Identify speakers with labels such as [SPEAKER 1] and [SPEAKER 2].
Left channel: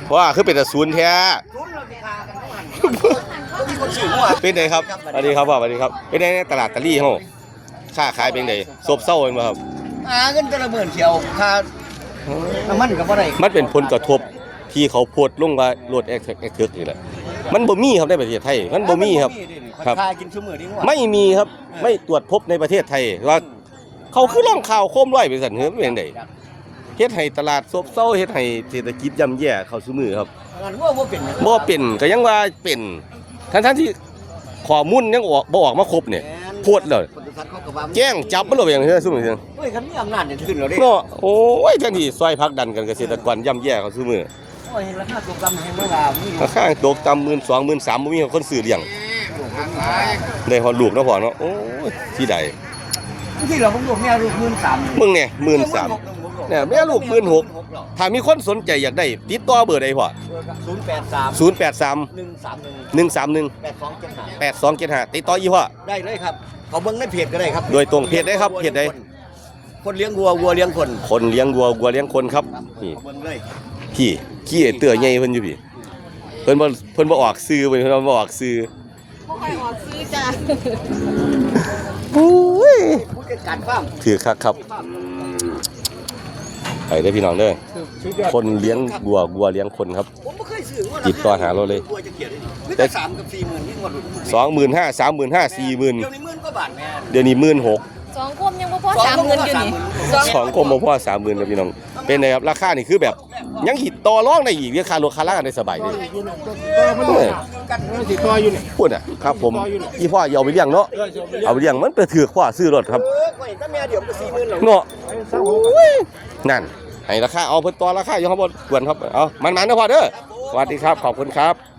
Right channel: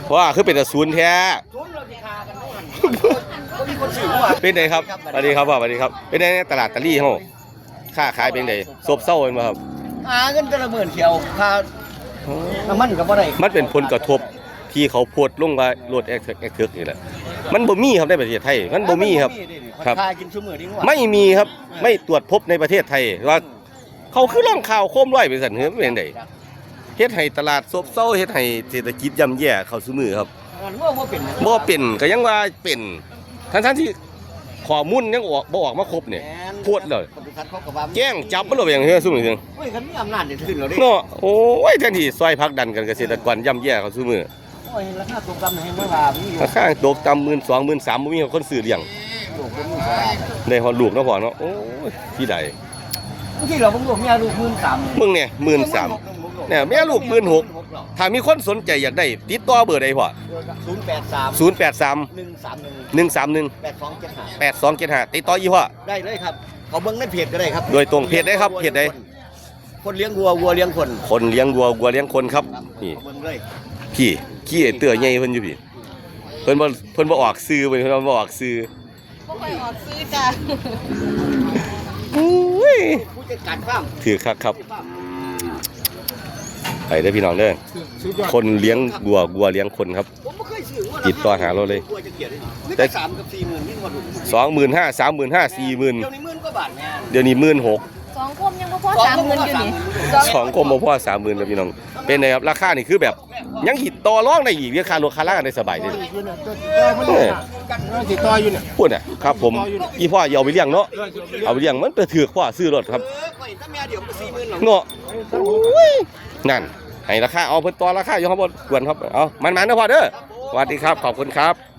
[SPEAKER 1] เพราะว่าคือเป็นแต่ศูนย์แท้เป็นไงครับสวัสดีครับสวัสดีครับเป็นไงตลาดตะลี่ห้องค่าขายเป็นไงซบเซาเป็นไหมครับ
[SPEAKER 2] เงินกระหมื่นเขียวค่าน้ำมันกับอะไร
[SPEAKER 1] มันเป็นผลกระทบที่เขาพูดลงว่ารถเอ็กซ์นี่แหละมันบ่มีครับในประเทศไทยมันบ่มีครับครับไม่มีครับไม่ตรวจพบในประเทศไทยว่าเขาคือล่องข่าวโคมร้อยไปสั่นเฮ้ยเป็นไงเฮ็ดให้ตลาดซบเซาเฮ็ดให้เศรษฐกิจย่ำแย่เข้าสู่มือครับบ่เป็นก็ยังว่าเป็นทั้งที่ข้อมูลยังบ่ออกมาครบเนี่ยโพดเลยแจ้งจับบ่รู้อย่างนี้ซุ่มนี่
[SPEAKER 2] เฮ้ยคันมีอำนาจขึ้นแล้วเด้
[SPEAKER 1] เนาะโอ้ยแทนที่ซอยพักดันกันเกษตรกรย่ำแย่เข้าสู่มือ
[SPEAKER 2] โอ้ยราคาตกต่ำให้เมื่อวานนี่
[SPEAKER 1] ราคาตกต่ำ 12,000 13,000บ่มีคนซื้อเลี้ยงได้ฮอดลูกเนาะพ่อเนาะโอ้ยที่ใด
[SPEAKER 2] ที่เราลูกแม่ลูก13,000
[SPEAKER 1] มึงเนี่ย13,000เนี่ยแม่ลูก16,000ถ้ามีคนสนใจอยากได้ติดต่อเบอร์ใดพ่อ083 131 8275ติดต่ออีพ่อ
[SPEAKER 2] ได้เลยครับเขาเบิ่งในเพจก็ได้ครับ
[SPEAKER 1] โดยตรงเพจได้ครับเพจใด
[SPEAKER 2] คนเลี้ยงวัวเลี้ยงคน
[SPEAKER 1] คนเลี้ยงวัวเลี้ยงคนครับนี่
[SPEAKER 2] เบิ่งเลย
[SPEAKER 1] ขี้เตื้อใหญ่เพิ่นอยู่พี่เพิ่นบ่ออกซื้อเพิ่นบ่ออกซื้อ
[SPEAKER 3] บ่ค่อยออกซื้อจ้ะ
[SPEAKER 1] โอ้ย
[SPEAKER 2] ผู้จัดการฟาร์ม
[SPEAKER 1] ถือครับไปเด้อพี่น้องเด้อคนเลี้ยงวัวเลี้ยงคนครับ
[SPEAKER 2] ผมบ่เคยซื้อว่า
[SPEAKER 1] ติดต่อหาเราเลย
[SPEAKER 2] แต่3กับ40,000นี่
[SPEAKER 1] 25,000 35,000 40,000
[SPEAKER 2] เดี๋ยวนี้10,000กว่าบาท
[SPEAKER 1] เดี๋ยวนี้16,000
[SPEAKER 3] 2 คุมยังบ่พอ30,000อยู่นี่
[SPEAKER 1] 2 คุมบ่พอ 30,000แล้วพี่น้องเป็นไงครับราคานี่คือแบบยังหิดต่อรองได้อีกราคารถคาร่าได้สบายเลย
[SPEAKER 2] ต่ออยู่เนี่ย
[SPEAKER 1] พูดอ่ะครับผมอีพ่ออย่าเอาไปเลี้ยงเนาะเอาไปเลี้ยงมันไปถือพ่อซื้อรถครับเนาะนั่นให้ราคาเอาเพิ่นต่อราคาอยู่ข้างบนกวนครับเอามันๆนะพ่อเด้อสวัสดีครับขอบคุณครับ